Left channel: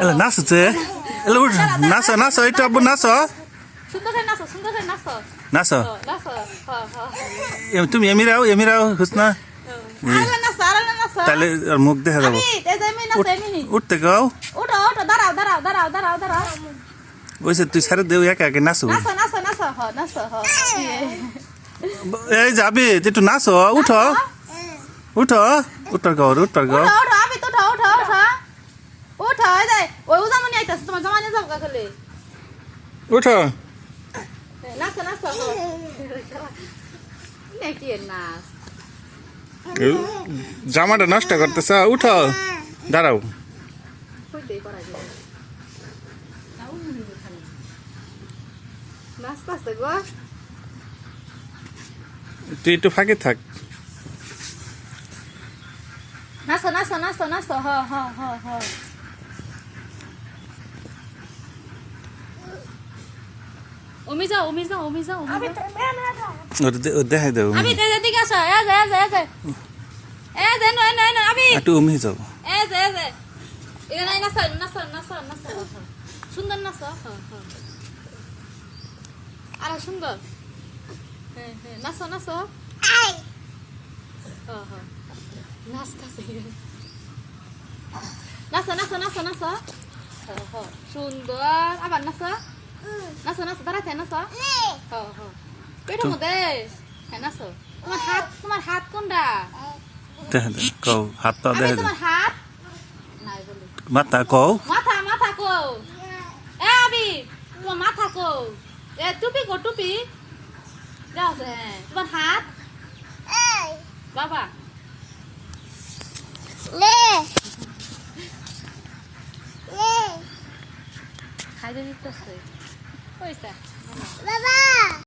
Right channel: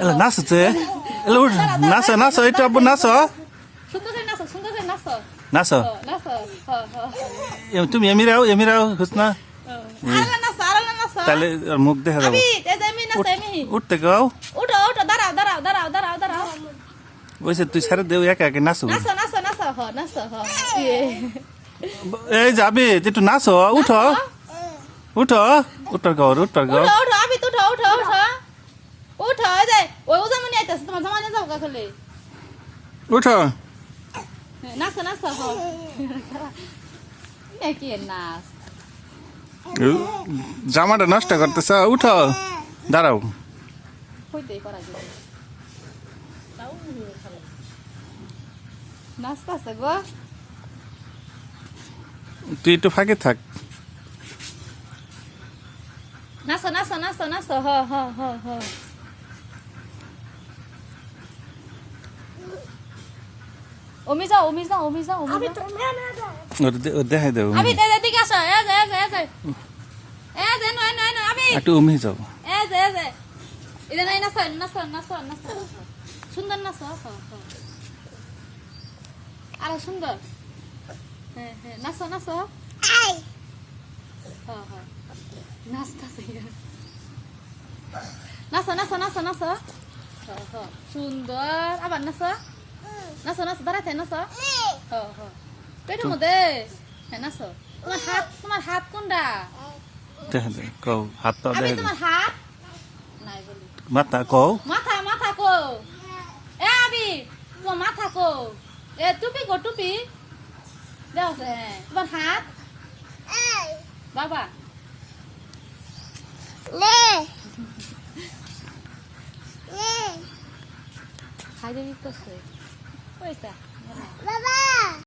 এলা নাচছে এলা উঠ নাচো এটা আব্বু নাচো নাচো তুমি এমিরাও হুসনা তাহলে মুখ দেখা যাবো উঠতে গাও ওইসে তুই সারে দেও একা একে নাচো এই যাবে একটু নাচো উঠো উঠর গাও উঠো জামাটা নষ্ট করতেছ উঠো দাঁড়াও তুই একটু ফাঁকে থাক দেখাই দেবো একটু উমি যাও সুন্দর নাচ আর সুন্দর নাচ সুন্দর আবার নাচ দাঁড়াতে নাচ পেটের মধ্যে নাচ তোমার হাত কোনটা দেখা দে কও হাতটা দেখা দে তোমার হাত নাই বলি মাথা কও মাথা কো আবি তোমার মাথা কো টুপি কো টুপি যাও তোমার হাত বাবা খাইতে দিতেছে পয়সা বাবা